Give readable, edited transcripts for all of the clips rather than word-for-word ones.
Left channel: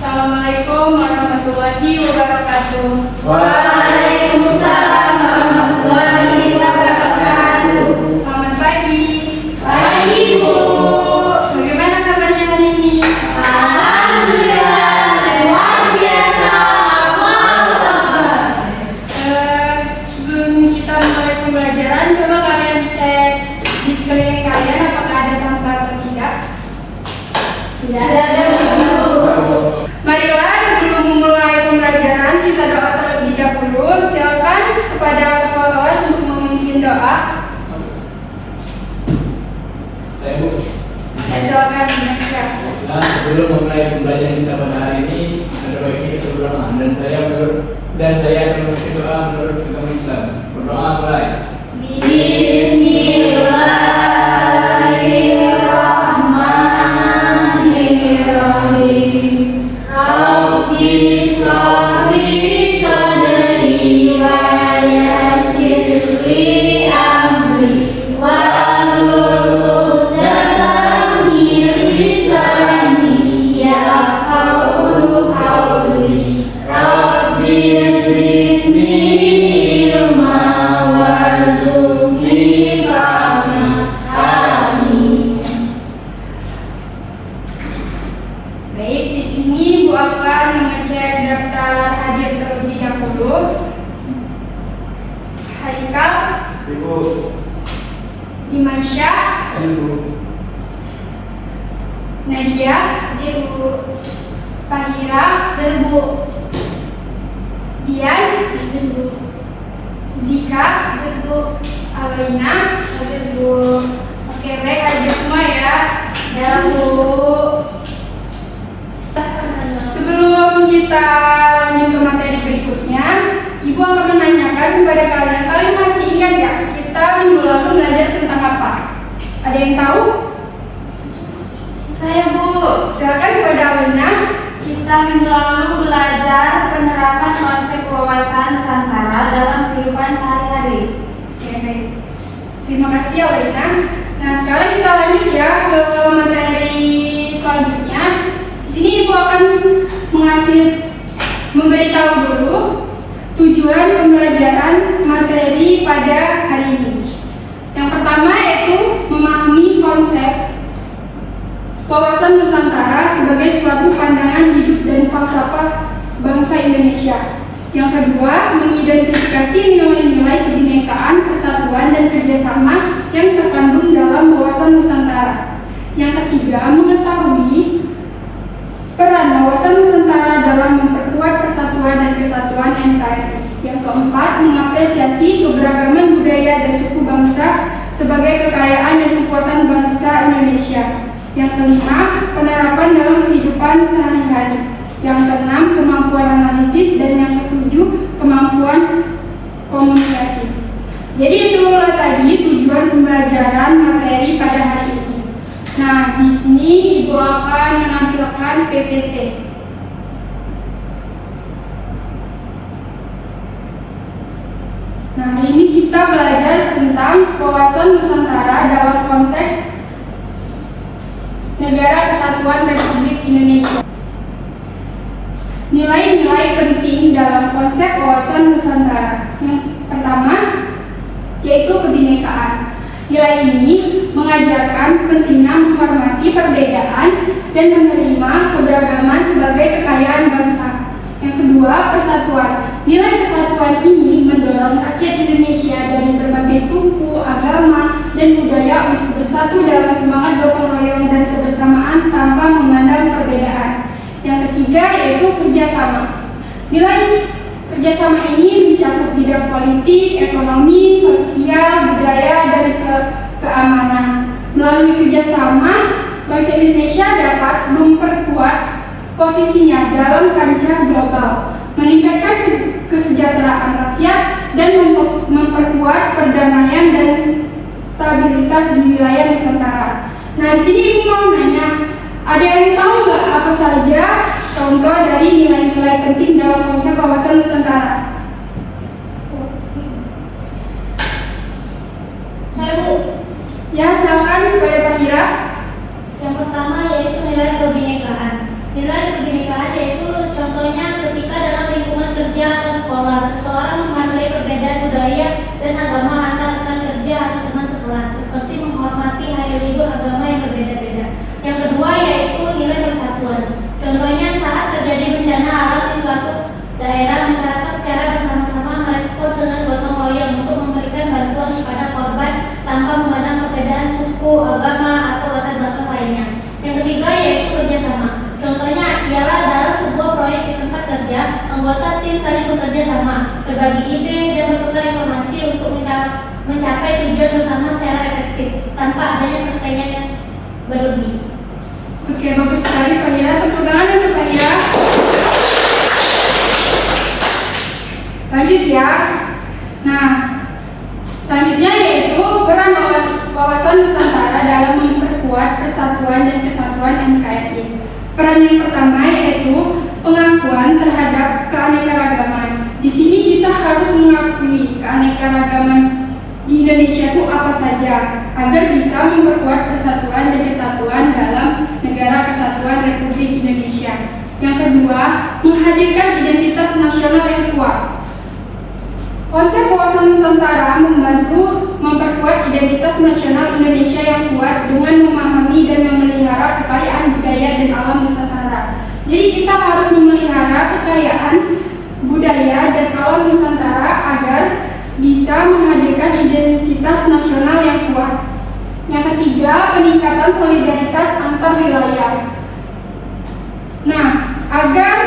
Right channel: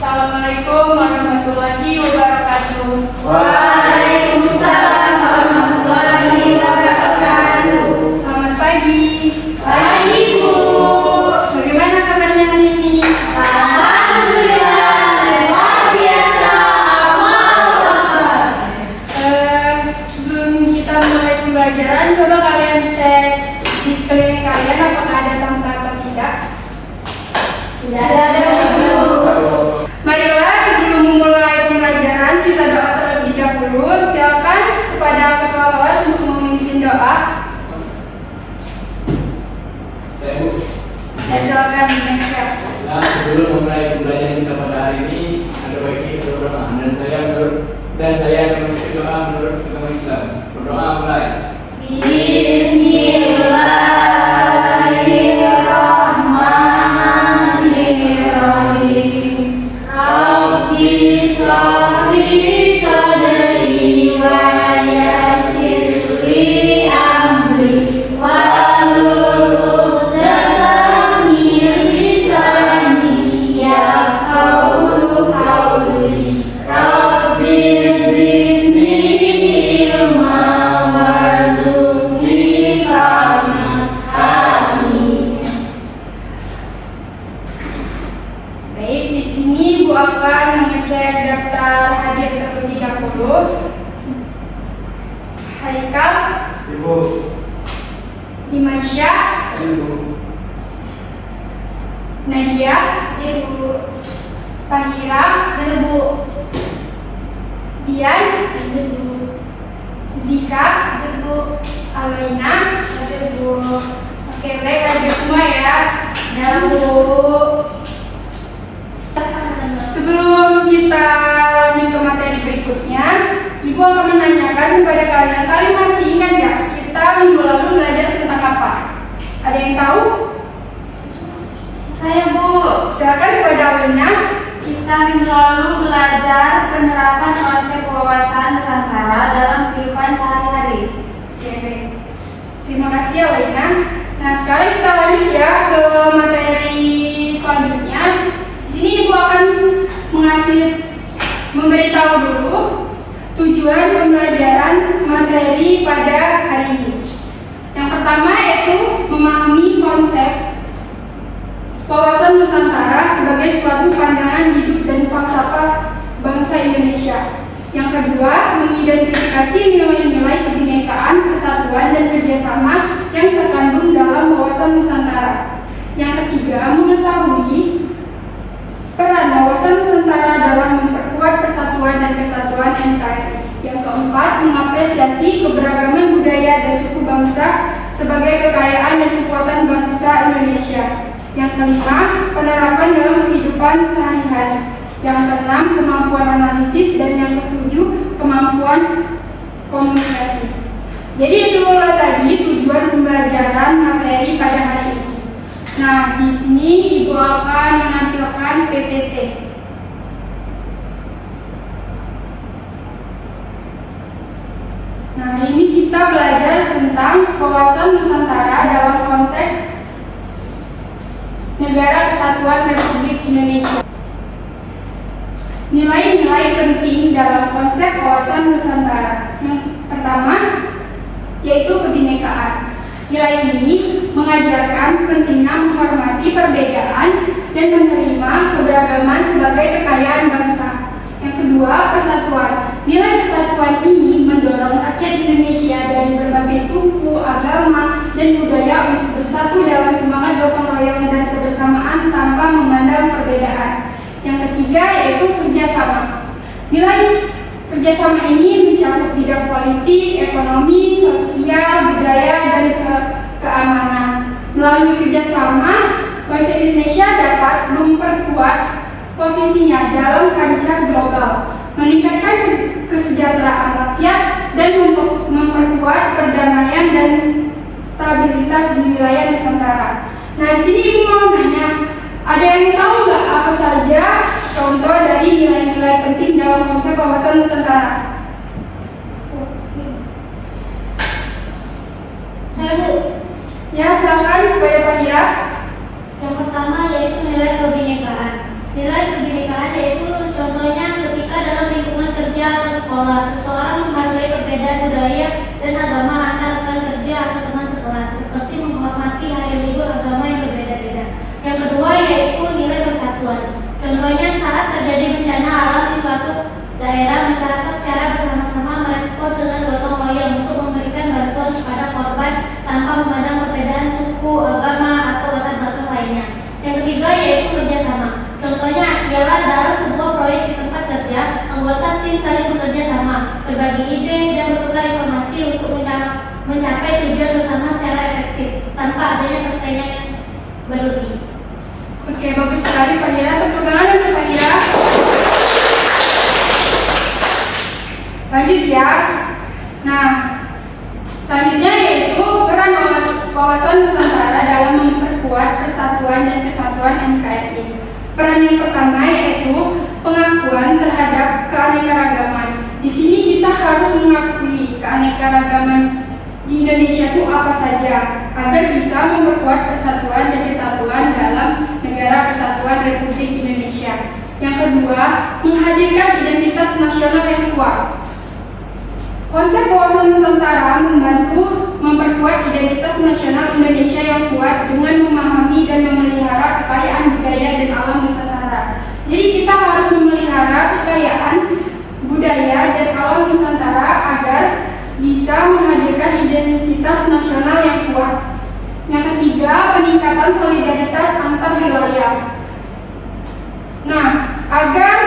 Assalamualaikum warahmatullahi wabarakatuh. Waalaikumsalam warahmatullahi wabarakatuh. Selamat pagi. Pagi, Bu. Bagaimana kabarnya hari ini? Alhamdulillah, luar biasa. Sebelum kita mulai pembelajaran, coba kalian cek di sekeliling kalian apakah ada sampah atau tidak. Tidak ada, Bu. Marilah sebelum memulai pembelajaran kita doa terlebih dahulu. Silakan kepada ketua kelas untuk memimpin doa. Saya Bu. Silakan dimulai. Nah, sebelum memulai pembelajaran kita pada hari ini, ada baiknya kita berdoa dan saya akan mengikuti doa menurut agama Islam. Berdoa mulai. Bismillahirrahmanirrahim. Rabbi sholli sadri wa yassir li amri wahlul 'uqdatam min lisani yafqahu qawli. Rabbi zidni ilma warzuqni fahma. Amin. Baik, di sini Bu akan mengecek daftar hadir terlebih dahulu. Haikal, Ibu. Dimansyah, Ibu. Nadia, Ibu. Tahira, Ibu. Dian, Ibu. Zika, Ibu. Alena, Ibu. Oke, baik aja semua ya. Dan Bu. Sebelum kita lanjut ke materi berikutnya, Ibu akan menanyakan kepada kalian, kalian masih ingat nggak kita minggu lalu belajar tentang apa? Ada yang tahu? Saya, Bu. Silakan kepada Alena. Kita minggu lalu belajar penerapan konsep wawasan Nusantara dalam kehidupan sehari-hari. Oke, baik. Terima kasih Alena. Nah, sekarang kita lanjut ya ke materi selanjutnya. Di sini Ibu akan memberitahu dulu tujuan pembelajaran materi pada hari ini. Yang pertama yaitu memahami konsep wawasan Nusantara sebagai suatu pandangan hidup dan falsafah bangsa Indonesia. Yang kedua, mengidentifikasi nilai-nilai kebinekaan, persatuan, dan kerjasama yang terkandung dalam wawasan Nusantara. Yang ketiga, mengetahui peran wawasan Nusantara dalam memperkuat persatuan dan kesatuan NKRI. Yang keempat, mengapresiasi keberagaman budaya dan suku bangsa sebagai kekayaan dan kekuatan bangsa Indonesia. Yang kelima, penerapan dalam kehidupan sehari-hari. Yang keenam, kemampuan analisis, dan yang ketujuh, kemampuan komunikasi. Jadi itulah tadi tujuan pembelajaran materi pada hari ini. Nah, di sini Ibu akan menampilkan PPT. Nah, hari ini kita belajar tentang wawasan Nusantara dalam konteks Negara Kesatuan Republik Indonesia. Nilai-nilai penting dalam konsep wawasan Nusantara. Yang pertama yaitu kebinekaan. Nilai ini mengajarkan pentingnya menghormati perbedaan dan menerima keberagaman sebagai kekayaan bangsa. Yang kedua, persatuan. Nilai kesatuan ini mendorong rakyat Indonesia dari berbagai suku, agama, dan budaya untuk bersatu dalam semangat gotong royong dan kebersamaan tanpa memandang perbedaan. Yang ketiga yaitu kerjasama. Nilai kerjasama ini mencakup bidang politik, ekonomi, sosial, budaya, dan keamanan. Melalui kerjasama, bangsa Indonesia dapat memperkuat posisinya dalam kancah global, meningkatkan kesejahteraan rakyat, dan memperkuat perdamaian dan stabilitas di wilayah Nusantara. Nah, di sini Ibu mau nanya, ada yang tahu nggak apa saja contoh dari nilai-nilai penting dalam konsep wawasan Nusantara? Saya Bu. Ya, silakan kepada Pak Ira. Yang pertama yaitu nilai kebinekaan. Nilai kebinekaan yaitu contohnya ketika dalam lingkungan kerja atau sekolah, seseorang menghargai perbedaan budaya dan agama antar rekan kerja atau teman sekelas, seperti menghormati hari libur agama yang berbeda-beda. Yang kedua yaitu nilai persatuan. Contohnya saat terjadi bencana alam di suatu daerah, masyarakat secara bersama-sama merespon dengan gotong royong untuk memberikan bantuan kepada korban tanpa memandang perbedaan suku, agama, atau latar belakang lainnya. Yang ketiga yaitu kerjasama. Contohnya ialah dalam sebuah proyek di tempat kerja, anggota tim saling bekerja sama, berbagi ide, dan bertukar informasi untuk mencapai tujuan bersama secara efektif tanpa adanya persaingan yang berlebih. Oke, bagus sekali Pak Ira. Tepuk tangan untuk Pak Ira. Lanjut ya. Nah, selanjutnya yaitu peran wawasan Nusantara dalam memperkuat persatuan dan kesatuan NKRI. Peran yang pertama yaitu pengakuan terhadap keanekaragaman. Di sini kita harus mengakui keanekaragaman di Indonesia itu apa saja agar bisa memperkuat persatuan dan kesatuan dalam negara kesatuan Republik Indonesia. Yang kedua, menghadirkan identitas nasional yang kuat. Konsep wawasan Nusantara membantu memperkuat identitas nasional Indonesia yang kuat dengan memahami dan memelihara kekayaan budaya dan alam Nusantara. Jadi kita harus memelihara kekayaan budaya dan alam Nusantara agar bisa menghadirkan identitas nasional yang kuat. Yang ketiga, peningkatan solidaritas antar wilayah. Nah, agar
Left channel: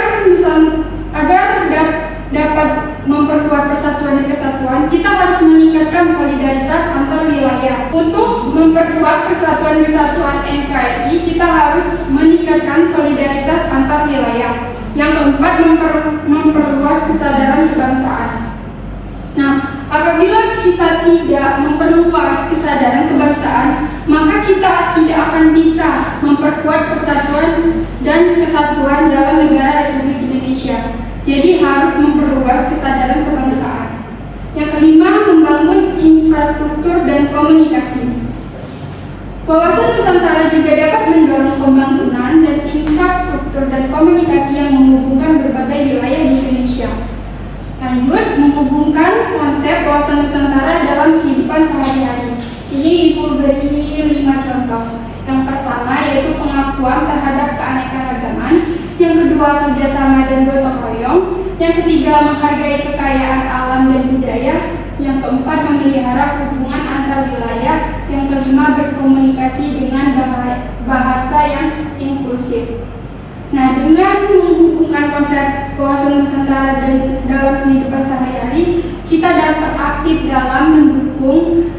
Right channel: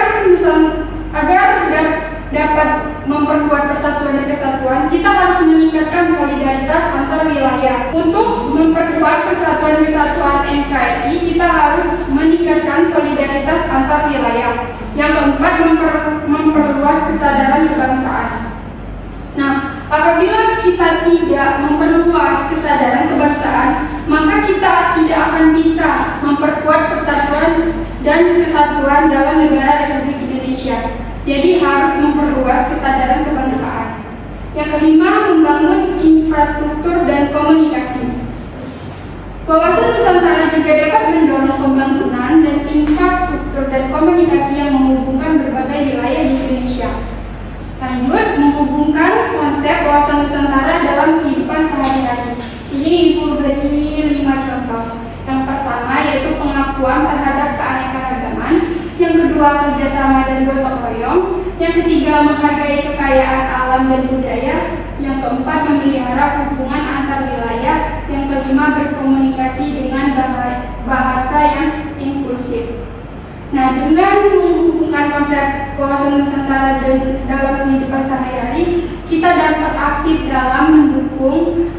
dapat memperkuat persatuan dan kesatuan, kita harus meningkatkan solidaritas antar wilayah. Untuk memperkuat persatuan dan kesatuan NKRI, kita harus meningkatkan solidaritas antar wilayah. Yang keempat, memperluas kesadaran kebangsaan. Nah, apabila kita tidak memperluas kesadaran kebangsaan, maka kita tidak akan bisa memperkuat persatuan dan kesatuan dalam negara Republik Indonesia. Jadi harus memperluas kesadaran kebangsaan. Yang kelima, membangun infrastruktur dan komunikasi. Wawasan Nusantara juga dapat mendorong pembangunan dan infrastruktur dan komunikasi yang menghubungkan berbagai wilayah di Indonesia. Lanjut, menghubungkan konsep wawasan Nusantara dalam kehidupan sehari-hari. Ini Ibu beri 5 contoh. Yang pertama yaitu pengakuan terhadap keanekaragaman. Yang kedua, kerjasama dan gotong royong. Yang ketiga, menghargai kekayaan alam dan budaya. Yang keempat, memelihara hubungan antar wilayah. Yang kelima, berkomunikasi dengan bahasa yang inklusif. Nah, dengan menghubungkan konsep wawasan Nusantara dalam kehidupan sehari-hari, kita dapat aktif dalam mendukung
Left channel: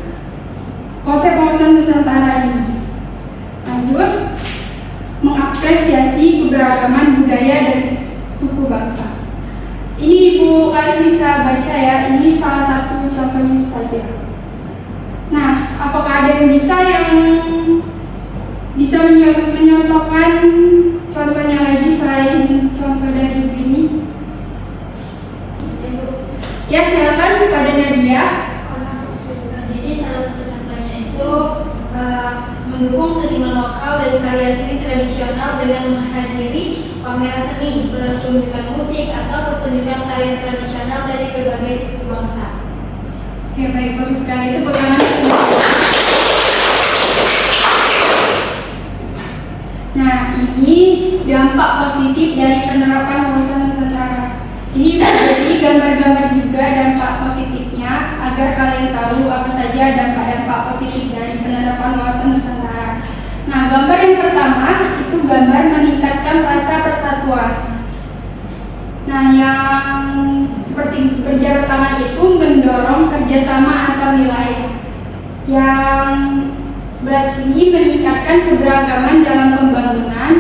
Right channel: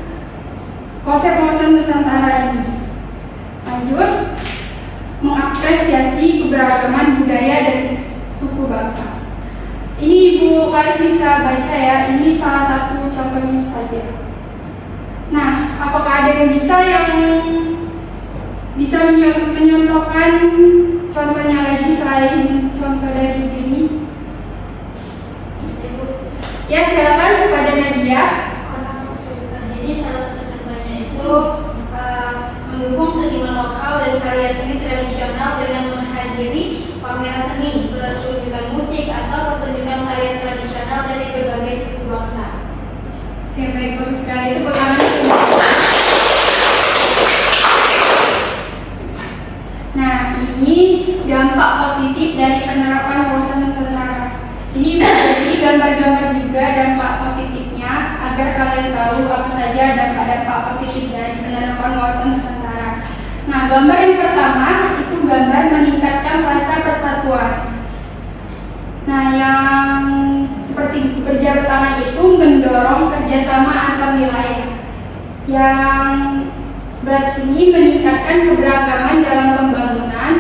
konsep wawasan Nusantara ini. Lanjut, mengapresiasi keberagaman budaya dan suku bangsa. Ini Ibu kalian bisa baca ya, ini salah satu contohnya saja. Nah, apakah ada yang bisa menyontohkan contohnya lagi selain contoh dari Ibu ini? Ya, silakan kepada Nadia. Jadi salah satu contohnya itu mendukung seniman lokal dan karya seni tradisional dengan menghadiri pameran seni, pertunjukan musik atau pertunjukan tarian tradisional dari berbagai suku bangsa. Ya, baik, bagus sekali. Tepuk tangan semua. Nah, ini dampak positif dari penerapan wawasan Nusantara. Ini menjadi gambar-gambar juga dampak positifnya agar kalian tahu apa saja dampak-dampak positif dari penerapan wawasan Nusantara. Nah, gambar yang pertama itu gambar meningkatkan rasa persatuan. Nah, yang seperti berjabat tangan itu mendorong kerjasama antar wilayah. Yang sebelah sini meningkatkan keberagaman dalam pembangunan.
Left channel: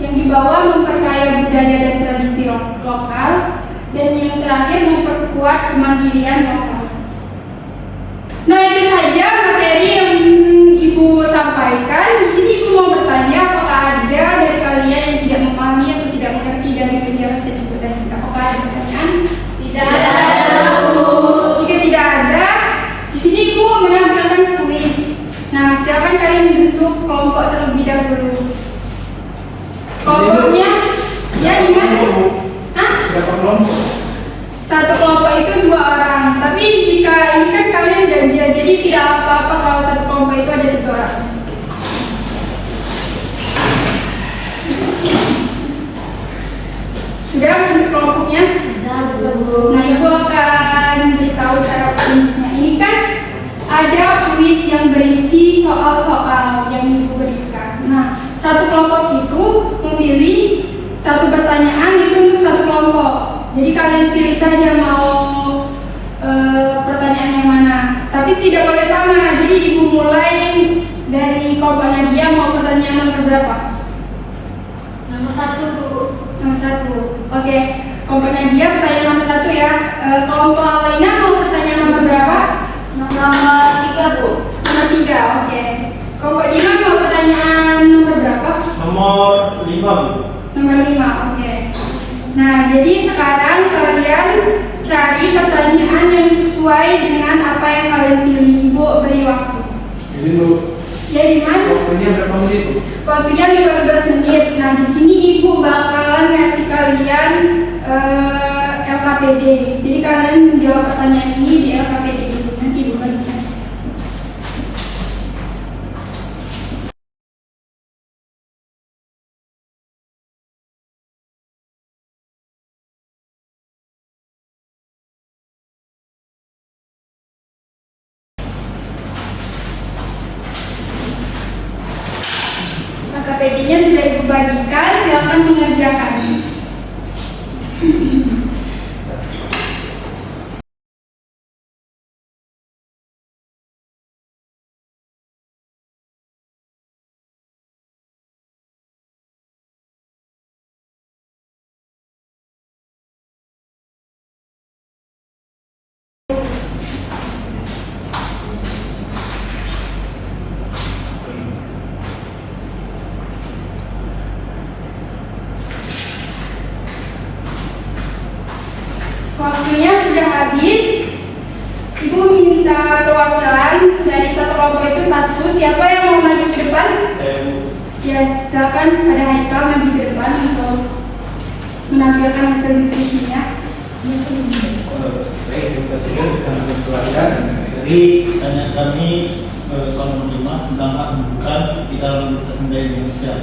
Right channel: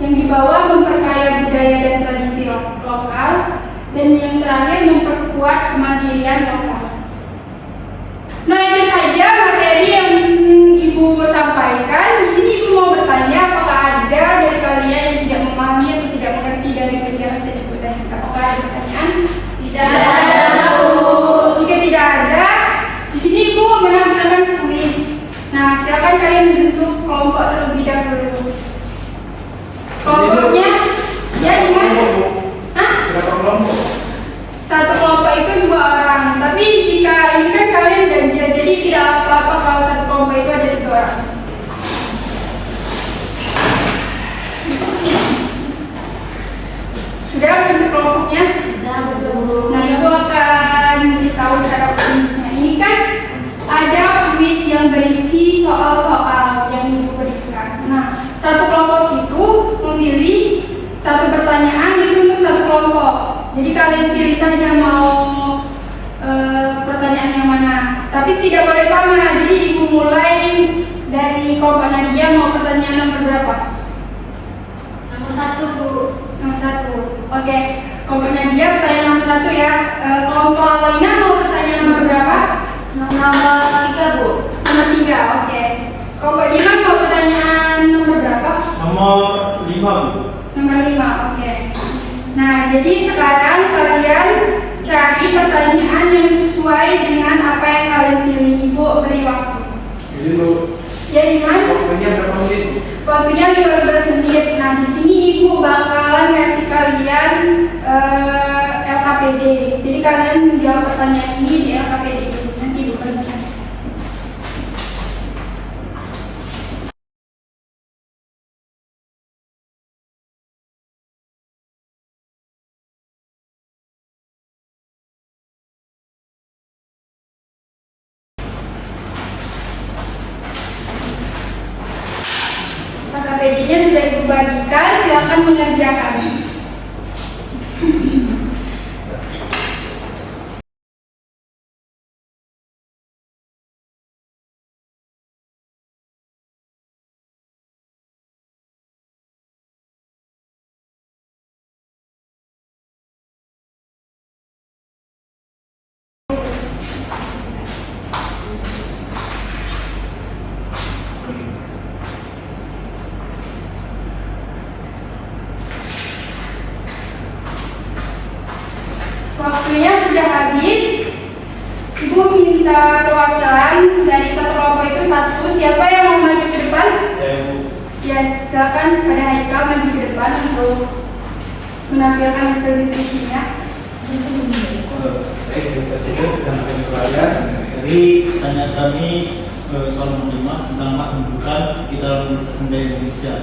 Yang di berwibawa, memperkaya budaya dan tradisi lokal, dan yang terakhir memperkuat kemandirian lokal. Nah, itu saja materi yang Ibu sampaikan. Di sini Ibu mau bertanya, apakah ada dari kalian yang tidak memahami atau tidak mengerti dari penjelasan Ibu tadi? Apakah ada pertanyaan? Tidak ada. Jika tidak ada, di sini Ibu menampilkan kuis. Nah, silakan kalian bentuk kelompok terlebih dahulu. Kelompoknya, ya gimana? Hah? Berapa kelompok? Satu kelompok itu 2 orang. Tapi jika ini kan kalian janjian, jadi tidak apa-apa kalau satu kelompok itu ada 3 orang. Sudah bentuk kelompoknya? Nah, Ibu akan beritahu cara bentuknya. Ini kan ada kuis yang berisi soal-soal yang Ibu berikan. Nah, satu kelompok itu memilih satu pertanyaan itu untuk satu kelompok. Jadi kalian pilih saja mau pertanyaan yang mana. Tapi tidak boleh sama. Jadi Ibu mulai dari kelompok Nadia, mau pertanyaan nomor berapa? Nomor 1. Nomor 1. Oke. Kelompok Nadia pertanyaan nomor 1 ya. Kelompok Lina mau pertanyaan nomor berapa? Nomor 3, Bu. Nomor 3. Oke. Kelompok Dina mau pertanyaan nomor berapa? Nomor 5, Bu. Nomor 5. Oke. Nah, jadi sekarang kalian cari pertanyaan yang sesuai dengan apa yang kalian pilih. Ibu beri waktu. Jadi Bu, Ya, Iman? waktunya berapa menit? Waktunya 15 menit. Nah, di sini Ibu bakalan ngasih kalian LKPD. Jadi kalian menjawab pertanyaan ini di LKPD. Nanti Ibu bagikan. LKPD-nya sudah Ibu bagikan, silakan mengerjakan. Waktunya sudah habis. Ibu minta perwakilan dari satu kelompok itu 1. Siapa yang mau maju ke depan? Ya, silakan pada Haikal maju ke depan untuk menampilkan hasil diskusinya. Baik, kita sampaikan perwakilan. Jadi pertanyaan kami soal nomor 5 tentang hak pendidikan di dalam Nusa Tenggara Indonesia.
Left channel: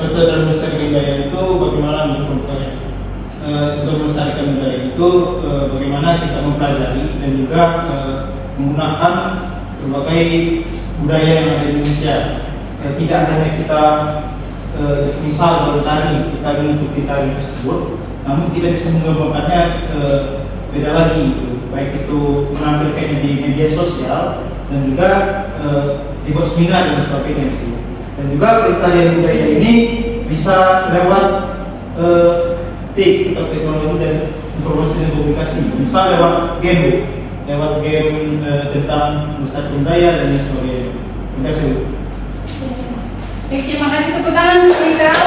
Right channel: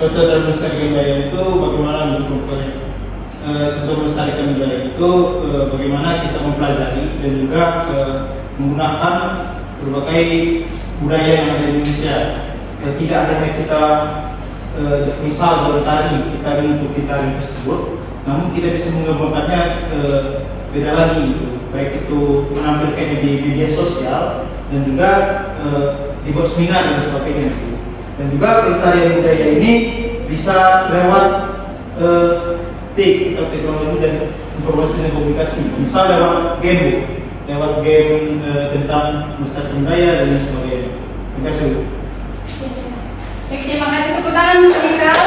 Contoh dalam Nusa Tenggara itu bagaimana memperoleh contoh melestarikan budaya itu bagaimana kita mempelajari dan juga menggunakan berbagai budaya yang ada di Indonesia. Tidak hanya kita misal dalam tari kita mengikuti tari tersebut, namun kita bisa mengembangkannya beda lagi, baik itu menampilkannya di media sosial dan juga dibuat seminar dan sebagainya. Dan juga pelestarian budaya ini bisa lewat TIK atau teknologi dan informasi dan komunikasi, misal lewat game tentang melestarikan budaya dan lain sebagainya. Terima kasih. Baik, terima kasih, tepuk tangan Haikal.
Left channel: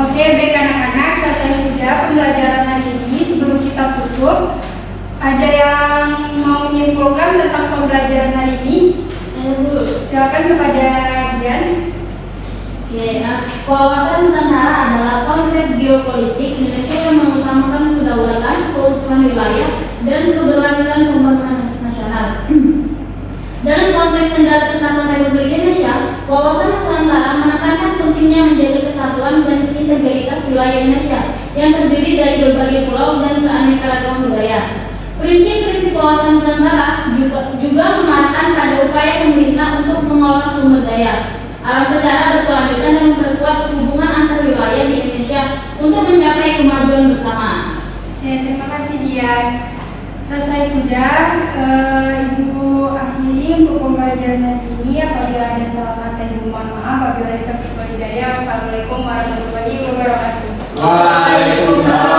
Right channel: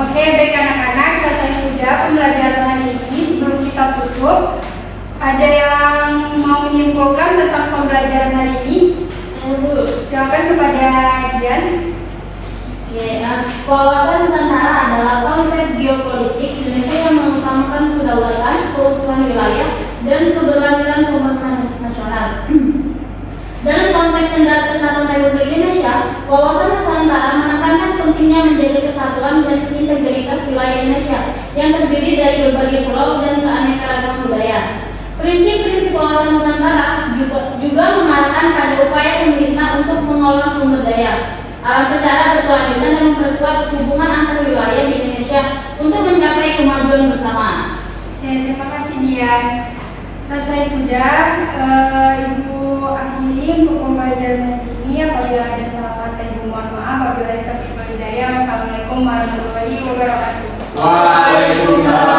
Oke, baik anak-anak, selesai sudah pembelajaran hari ini. Sebelum kita tutup, ada yang mau menyimpulkan tentang pembelajaran hari ini? Saya dulu. Silakan kepada Dian. Oke, wawasan Nusantara adalah konsep geopolitik Indonesia yang mengutamakan kedaulatan, keutuhan wilayah, dan keberlanjutan pembangunan nasional. Dalam konteks negara kesatuan Republik Indonesia, wawasan Nusantara menekankan pentingnya menjaga kesatuan dan integritas wilayah Indonesia yang terdiri dari berbagai pulau dan keanekaragaman budaya. Prinsip-prinsip wawasan Nusantara juga mengarahkan pada upaya pemerintah untuk mengelola sumber daya alam secara berkelanjutan dan memperkuat hubungan antar wilayah di Indonesia untuk mencapai kemajuan bersama. Terima kasih Dian. Selesai sudah. sudah, Ibu akhiri untuk pembelajaran hari ini. Apabila ada salah kata, Ibu mohon maaf. Apabila ada hidayah, Assalamualaikum warahmatullahi wabarakatuh. Waalaikumsalam.